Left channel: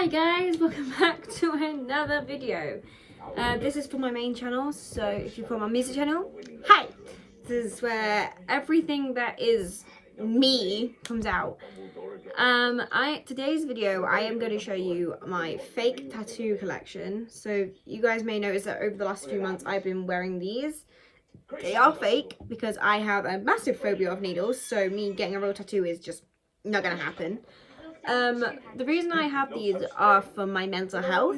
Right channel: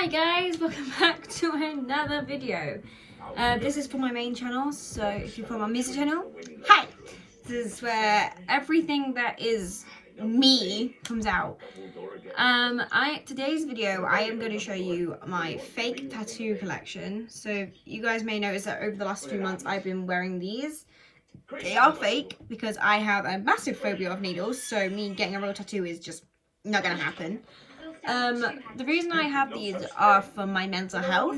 Hi guys, welcome back to another video. This is for my main channel, so if you're from my music channel, hi! This is where everything that is me comes out. Today's video, I am going to show you my fake tattoo collection. So you guys may notice that over the last few months I've been wearing these. They are fake because I have a massive phobia of needles, so me getting a real tattoo is just not going to happen. The reason I have these are for my mental health.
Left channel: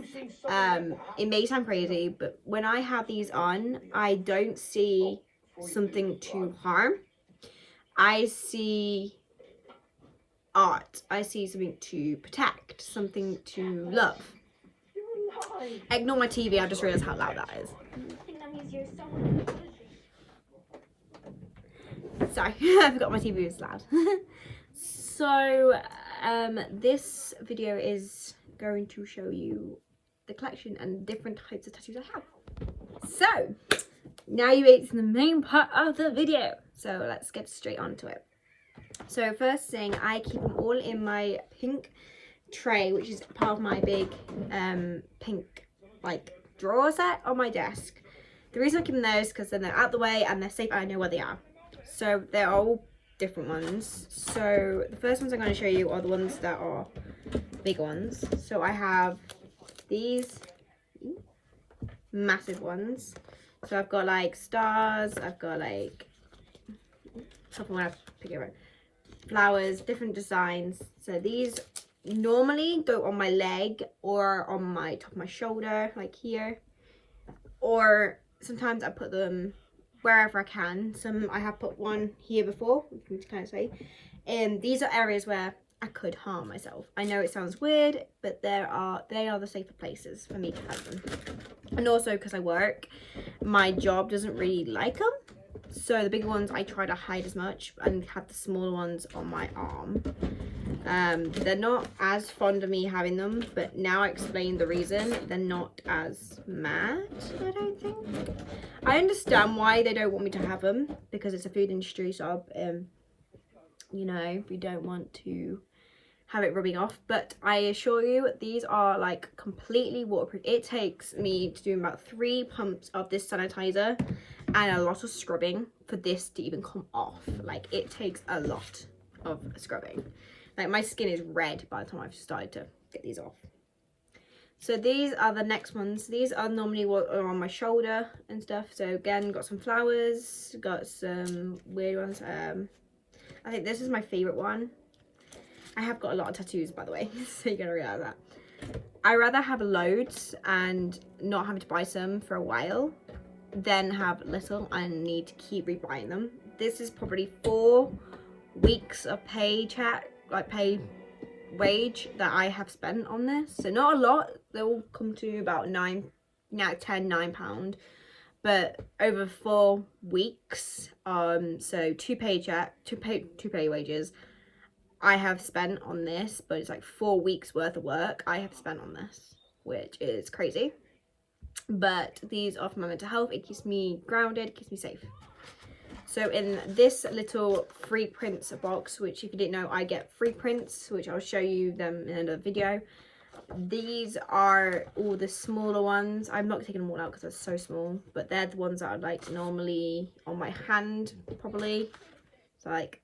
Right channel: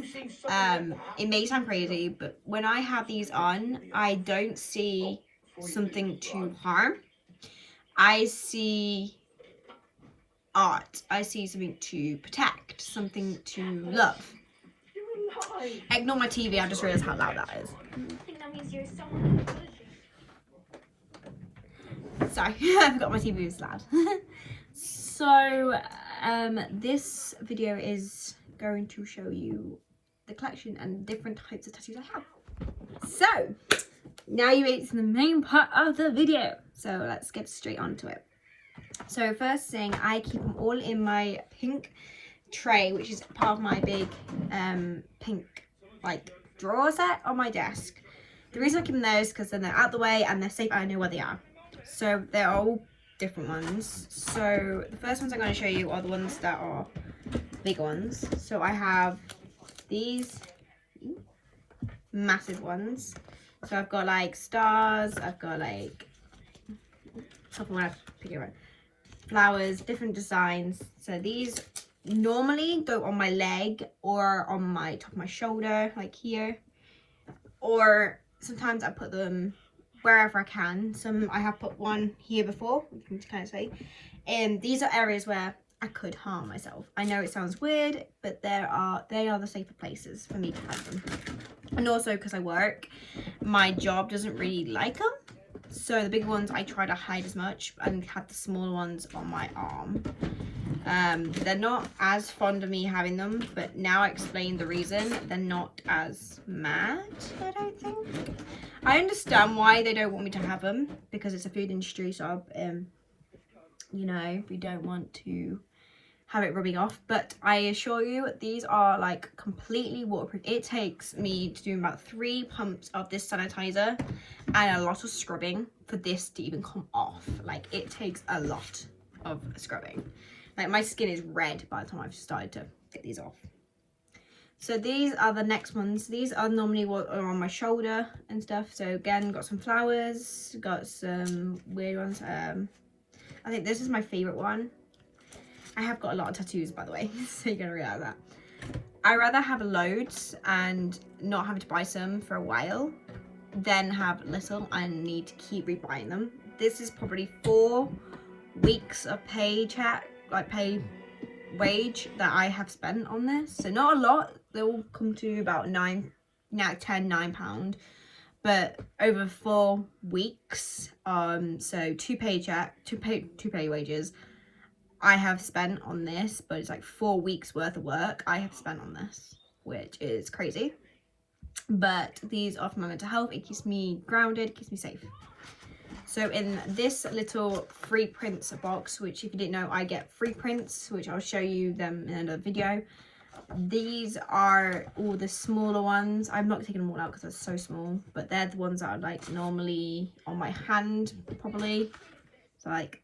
It may sound crazy, but when I have these on, I don't see something to harm. I see art. I see something to protect, something to love. Ignore my TV, I just realized how loud that is. Sorry, I forgot my TV was loud. So, this video is going to show you the collection and different types of tattoos I have. So, now you wait to the main part of the video. So, let's get straight onto it. So, first thing, I keep them all in my pink tray, which is part of my big pink drawer set on my desk. The reason I keep them there is because then they're out the way and they're safe and I know where they are. So, they're all different ones. So the first ones I'm going to show you are the ones that are bigger ones. So I have these massive ones. So I've got like stars, I've got like something when I pick it right, flowers, different designs. So these normally go on my leg or on my top of my shoulder, like here, or sometimes I put them wherever I can. I have put one here before, you can kind of say. And these are areas where I could harm myself. I know it sounds weird, but they are the safer places for me to have them. And also because I work, my job doesn't really like them. So the bigger ones I try to hide as much and have the smaller ones on my arm. They're not as fond of me having them, but now I explain the reason. They're not as mad, I don't think. I understand why they don't want me to have them, because it's a food industry job. You know, we don't want to have it rubbing off, but I assure you these are like completely waterproof. It takes me to do about 3 pumps of this sanitizer and a lot of scrubbing for this to even come off. Like, it takes a lot of scrubbing. Like, my skin is red by the time I've started to get these off. So these are the next ones. These are normally what are on my shoulder and stuff. So again, got some flowers, got some weird ones. I think this is my favorite one. I have got a lot of tattoos, by the way, so you're gonna realize that. I'd rather have loads and not having to buy some for a while than have little and need to keep rebuying them. This is probably 4 weeks of pay wage that I have spent on this. So not a lot. They will come to about £9, but over 4 weeks, so 2 pay wages I have spent on this, but it's like 4 weeks worth of work I have spent on this, which is crazy. But these are for my mental health. It keeps me grounded, it keeps me safe. So in this little free prints box, which if you didn't know, I get free prints, which I'll show you them in another video. These are all the smaller ones. I'm not taking them all out because they're so small, but they're the ones that are like normally on my hand, probably. So like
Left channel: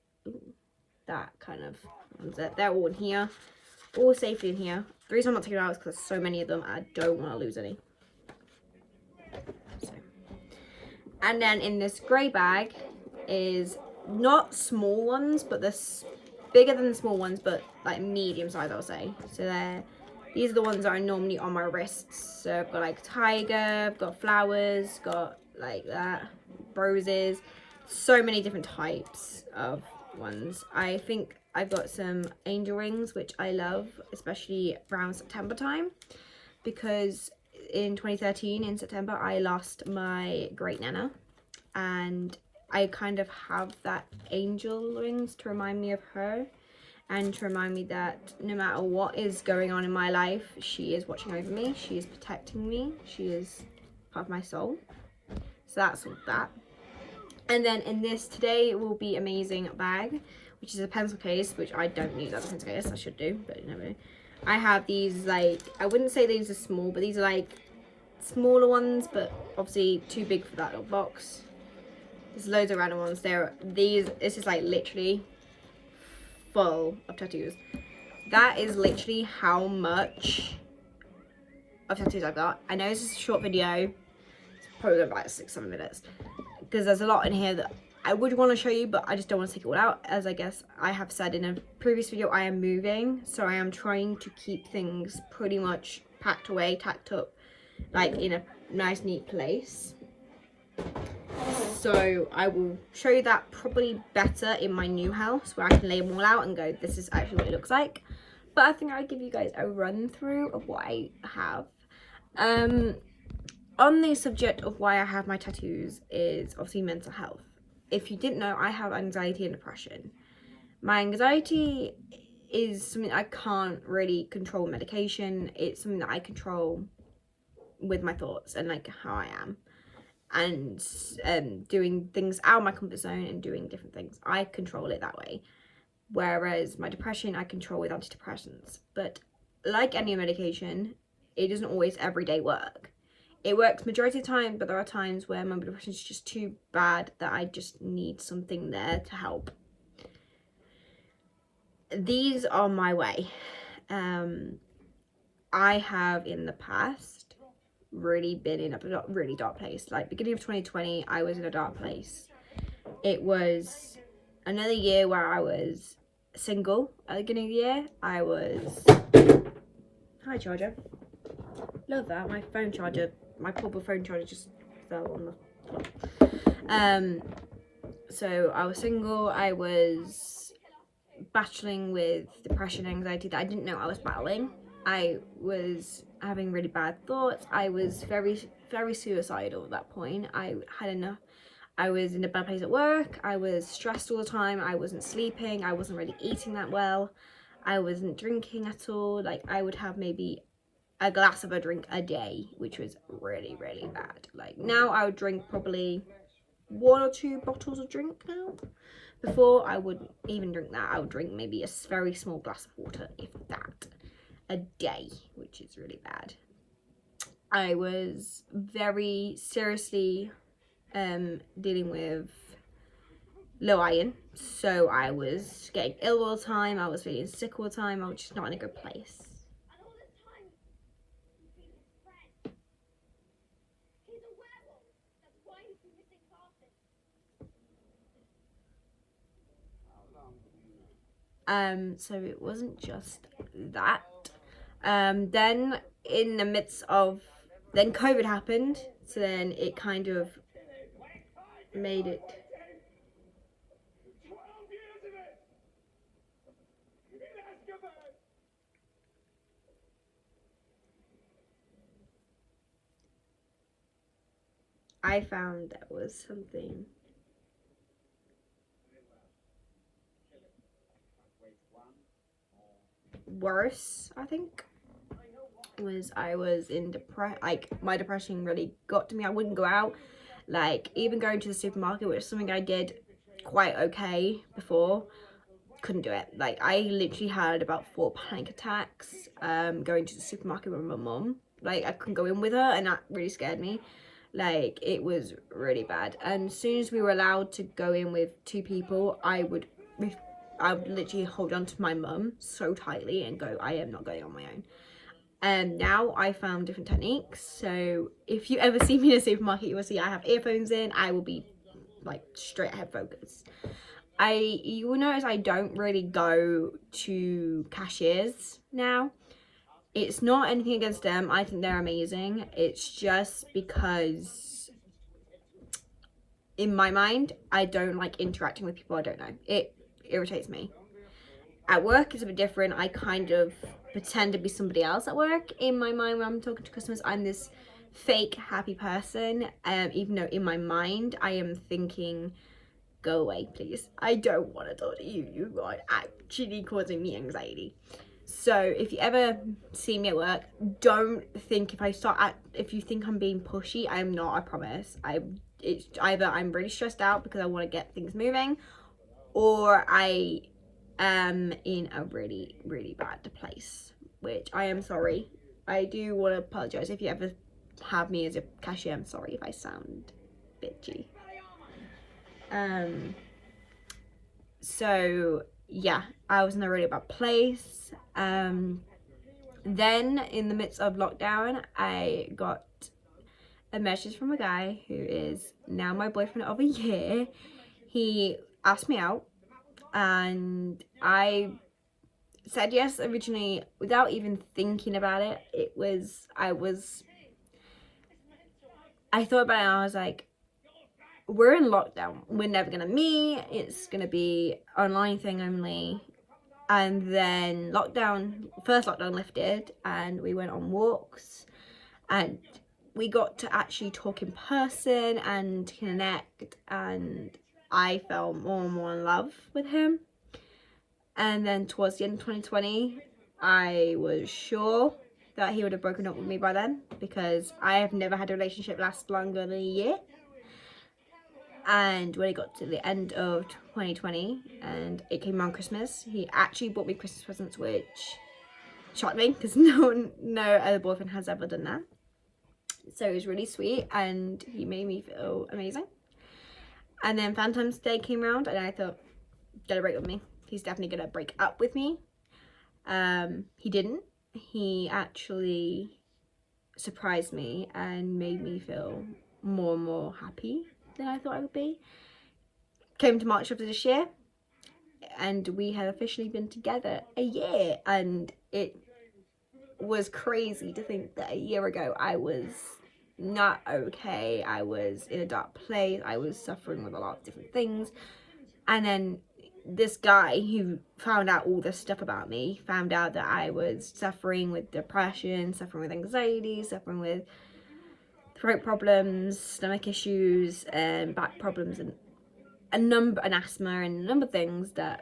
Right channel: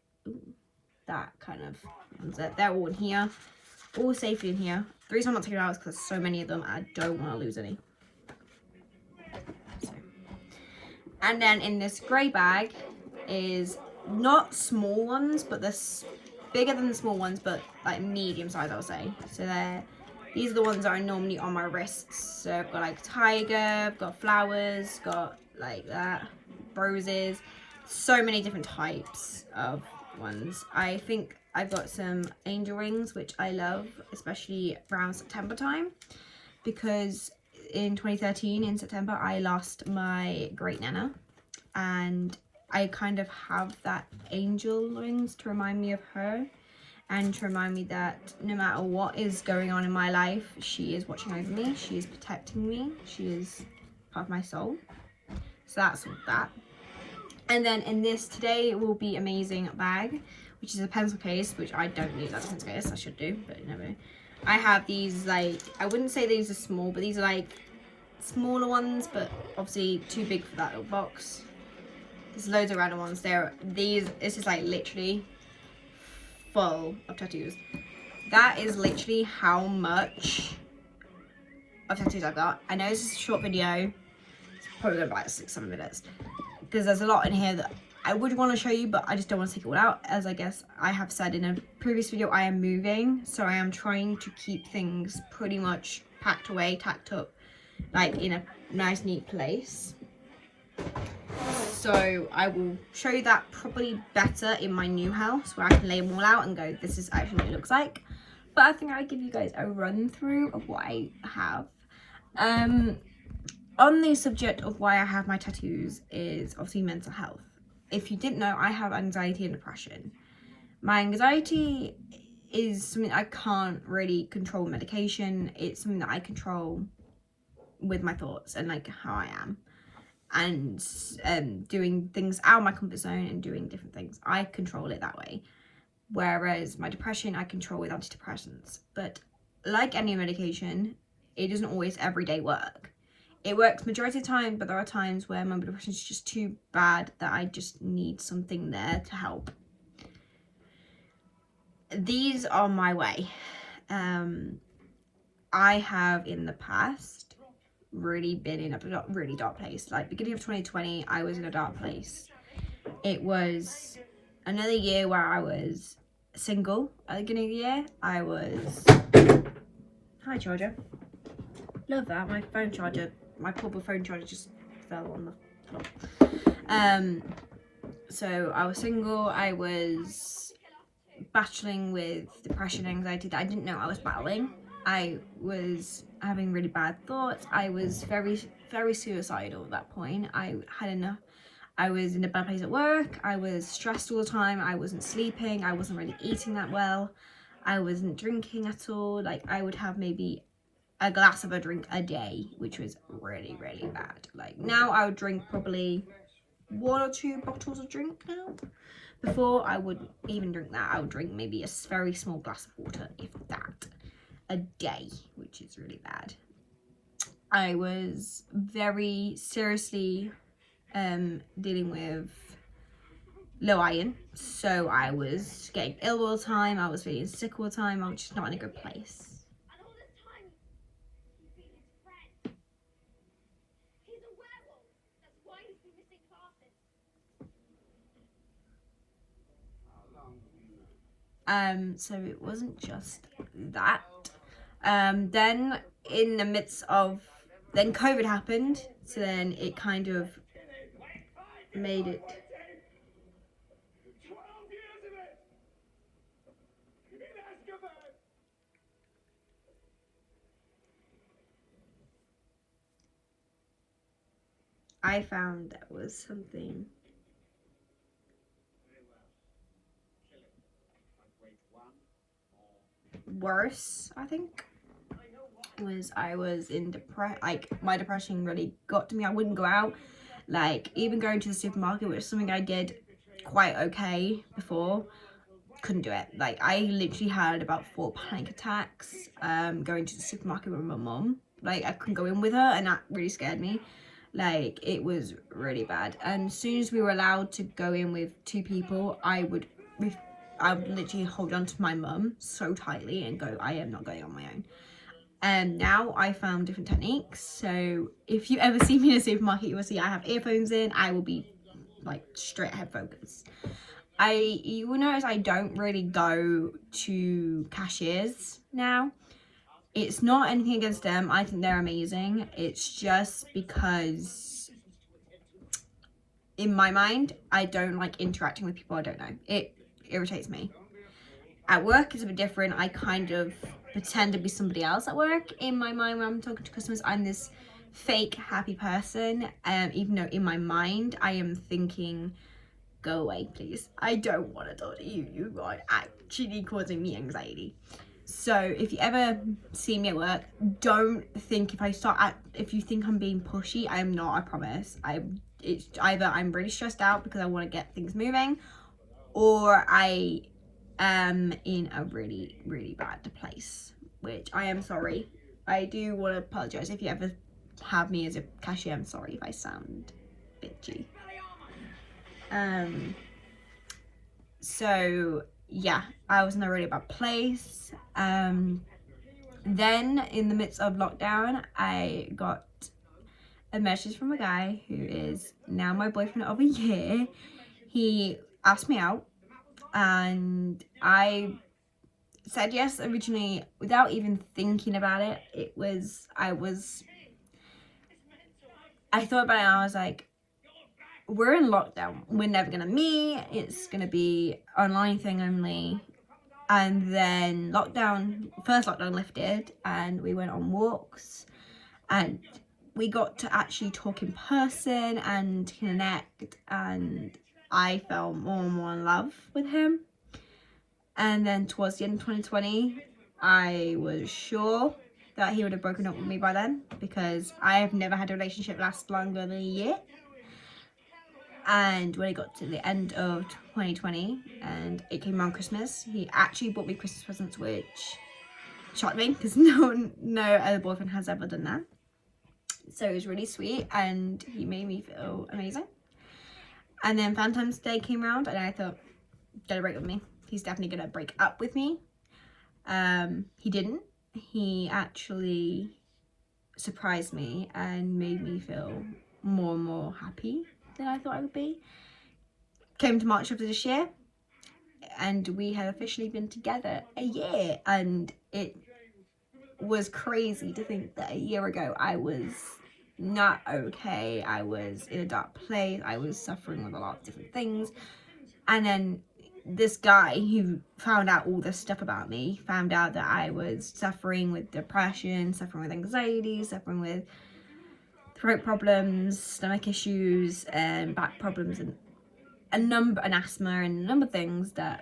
that kind of ones. They're all in here, all safely in here. The reason I'm not taking it out is because there's so many of them. I don't want to lose any. So. And then in this grey bag is not small ones, but they're bigger than the small ones, but like medium size, I'll say. So these are the ones that are normally on my wrists. So I've got like tiger, I've got flowers, got like that, roses, so many different types of ones. I think I've got some angel rings, which I love, especially around September time, because in 2013 in September I lost my great nana, and I kind of have that angel rings to remind me of her and to remind me that no matter what is going on in my life, she is watching over me, she is protecting me, she is part of my soul. So that's that. And then in this Today Will Be Amazing bag, which is a pencil case, which I don't use as a pencil case, I should do, but never. I have these, like, I wouldn't say these are small, but these are like smaller ones, but obviously too big for that little box. There's loads of random ones there. This is like literally full of tattoos. That is literally how much of tattoos I've got. I know it's a short video. It's probably gonna be like 6-7 minutes because there's a lot in here that I would want to show you, but I just don't want to take it all out. As I guess I have said in a previous video, I am moving, so I am trying to keep things pretty much packed away, tacked up, like in a nice neat place. So I will show you that probably better in my new house, where I can lay them all out and go, this is actually what it looks like. But I think I'll give you guys a run through of what I have. On the subject of why I have my tattoos is obviously mental health. If you didn't know, I have anxiety and depression. My anxiety is something I can't really control with medication. It's something that I control with my thoughts and like how I am, and doing things out of my comfort zone and doing different things. I control it that way. Whereas my depression, I control with antidepressants. But like any medication, it doesn't always everyday work. It works majority of the time, but there are times where my depression is just too bad that I just need something there to help. These are my way. I have in the past really been in a really dark place. Like beginning of 2020, I was in a dark place. It was another year where I was single. At the beginning of the year, I was... Hi, charger. Love that. My phone charger, my portable phone charger just fell on the floor. So I was single. I was battling with depression, anxiety that I didn't know I was battling. I was having really bad thoughts. I was very, very suicidal at that point. I had enough. I was in a bad place at work. I was stressed all the time. I wasn't sleeping. I wasn't really eating that well. I wasn't drinking at all. Like I would have maybe a glass of a drink a day, which was really, really bad. Like now I would drink probably 1 or 2 bottles of drink now. Before I wouldn't even drink that. I would drink maybe a very small glass of water, if that, a day, which is really bad. I was very seriously dealing with low iron, so I was getting ill all the time. I was feeling sick all the time. I was just not in a good place. So it wasn't just that. Then in the midst of, then COVID happened, so then it kind of made it. I found that was something worse, I think, was I was in like my depression really got to me. I wouldn't go out, like even going to the supermarket, which is something I did quite okay before, couldn't do it. Like I literally had about 4 panic attacks going to the supermarket with my mum. Like I couldn't go in with her, and that really scared me. Like it was really bad. And as soon as we were allowed to go in with 2 people, I would literally hold on to my mum so tightly and go, I am not going on my own. And now I found different techniques. So if you ever see me in a supermarket, you will see I have earphones in. I will be like straight ahead focus. You will notice I don't really go to cashiers now. It's not anything against them. I think they're amazing. It's just because in my mind, I don't like interacting with people I don't know. It irritates me. At work, it's a bit different. I kind of pretend to be somebody else at work. In my mind, when I'm talking to customers, I'm this fake happy person. Even though in my mind, I am thinking, go away, please. I don't want to talk to you. You are actually causing me anxiety. So if you ever see me at work, don't think if you think I'm being pushy, I am not, I promise. It's either I'm really stressed out because I want to get things moving, or I am in a really, really bad place. which I am sorry. I do want to apologise if you ever have me as a cashier. I'm sorry if I sound bitchy. So yeah, I was in a really bad place. Then in the midst of lockdown, I got a message from a guy who is now my boyfriend of a year. He asked me out and I said yes originally without even thinking about it. I thought about it and I was like, we're in lockdown, we're never gonna meet, it's gonna be online thing only. And then first lockdown lifted and we went on walks and we got to actually talk in person and connect, and I fell more and more in love with him. And then towards the end of 2020, I was sure that he would have broken up with me by then, because I have never had a relationship last longer than a year. And when it got to the end of 2020 and it came around Christmas, he actually bought me Christmas presents, which shocked me because no other boyfriend has ever done that. So it was really sweet and he made me feel amazing. And then Valentine's Day came around and I thought, gonna break up with me. He's definitely gonna break up with me. He didn't. He actually surprised me and made me feel more and more happy than I thought I would be. Came to March of this year and we had officially been together a year, and it was crazy to think that a year ago I was not okay. I was in a dark place. I was suffering with a lot of different things, and then this guy who found out all this stuff about me found out that I was suffering with depression, suffering with anxiety, suffering with throat problems, stomach issues, and back problems, and asthma, and a number of things that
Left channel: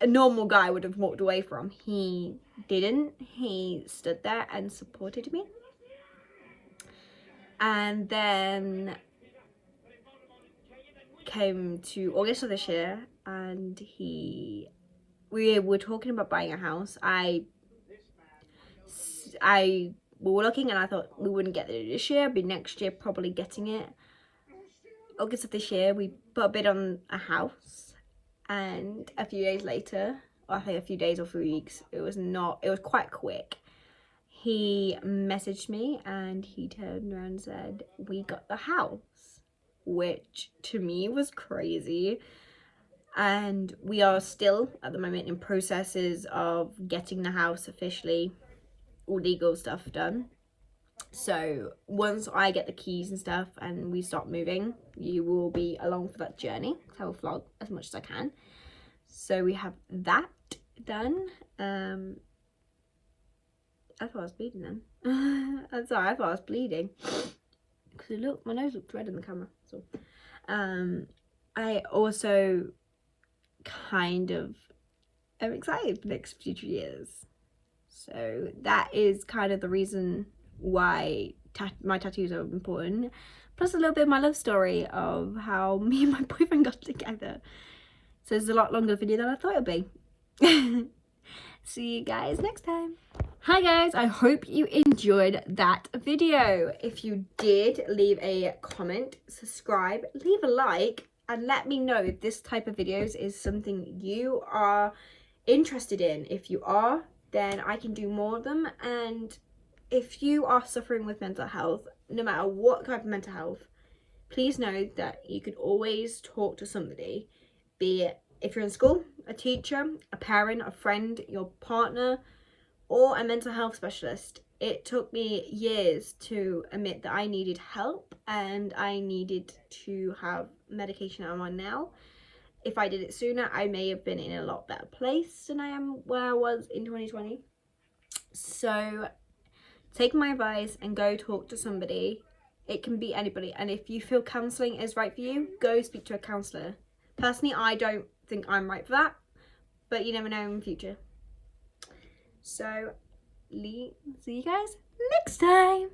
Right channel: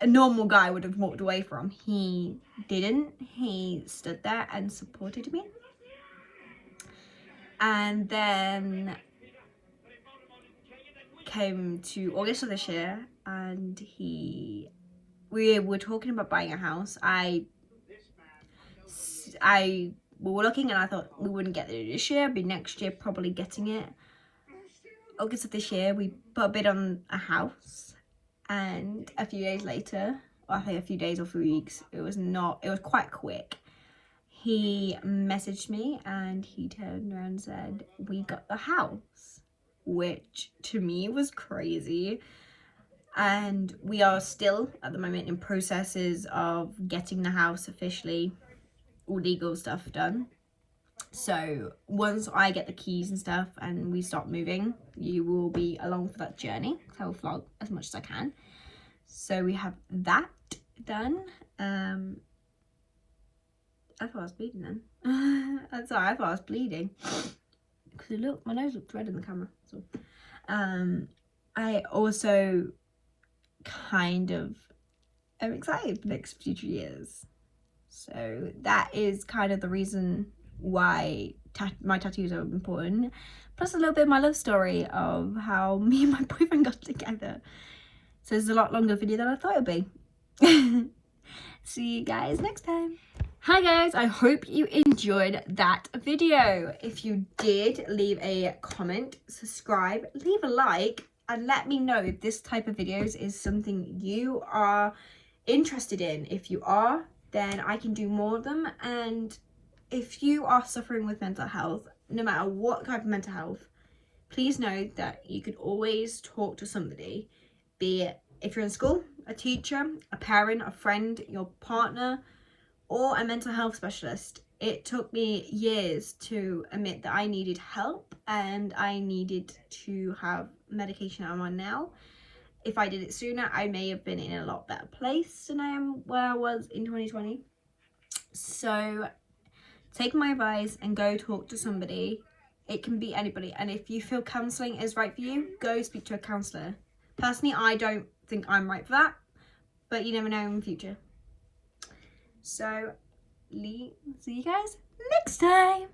a normal guy would have walked away from. He didn't. He stood there and supported me. And then came to August of this year and we were talking about buying a house. We were looking and I thought we wouldn't get it this year, but next year probably getting it. August of this year we put a bid on a house, and a few days later, I think a few days or 3 weeks, it was quite quick, he messaged me and he turned around and said, we got the house, which to me was crazy. And we are still at the moment in processes of getting the house officially, all legal stuff done. So once I get the keys and stuff and we start moving, you will be along for that journey. I will vlog as much as I can. So we have that done. I thought I was bleeding then. I'm sorry, I thought I was bleeding. Because look, my nose looked red in the camera. So I also kind of am excited for the next future years. So that is kind of the reason why my tattoos are important. Plus a little bit of my love story of how me and my boyfriend got together. So it's a lot longer video than I thought it would be. See you guys next time. Hi guys, I hope you enjoyed that video. If you did, leave a comment, subscribe, leave a like, and let me know if this type of videos is something you are interested in. If you are, then I can do more of them. And if you are suffering with mental health, no matter what type of mental health, please know that you can always talk to somebody, be it if you're in school, a teacher, a parent, a friend, your partner, or a mental health specialist. It took me years to admit that I needed help and I needed to have medication I'm on now. If I did it sooner, I may have been in a lot better place than I am where I was in 2020. So take my advice and go talk to somebody. It can be anybody, and if you feel counselling is right for you, go speak to a counsellor. Personally, I don't think I'm right for that, but you never know in the future. So, see you guys next time.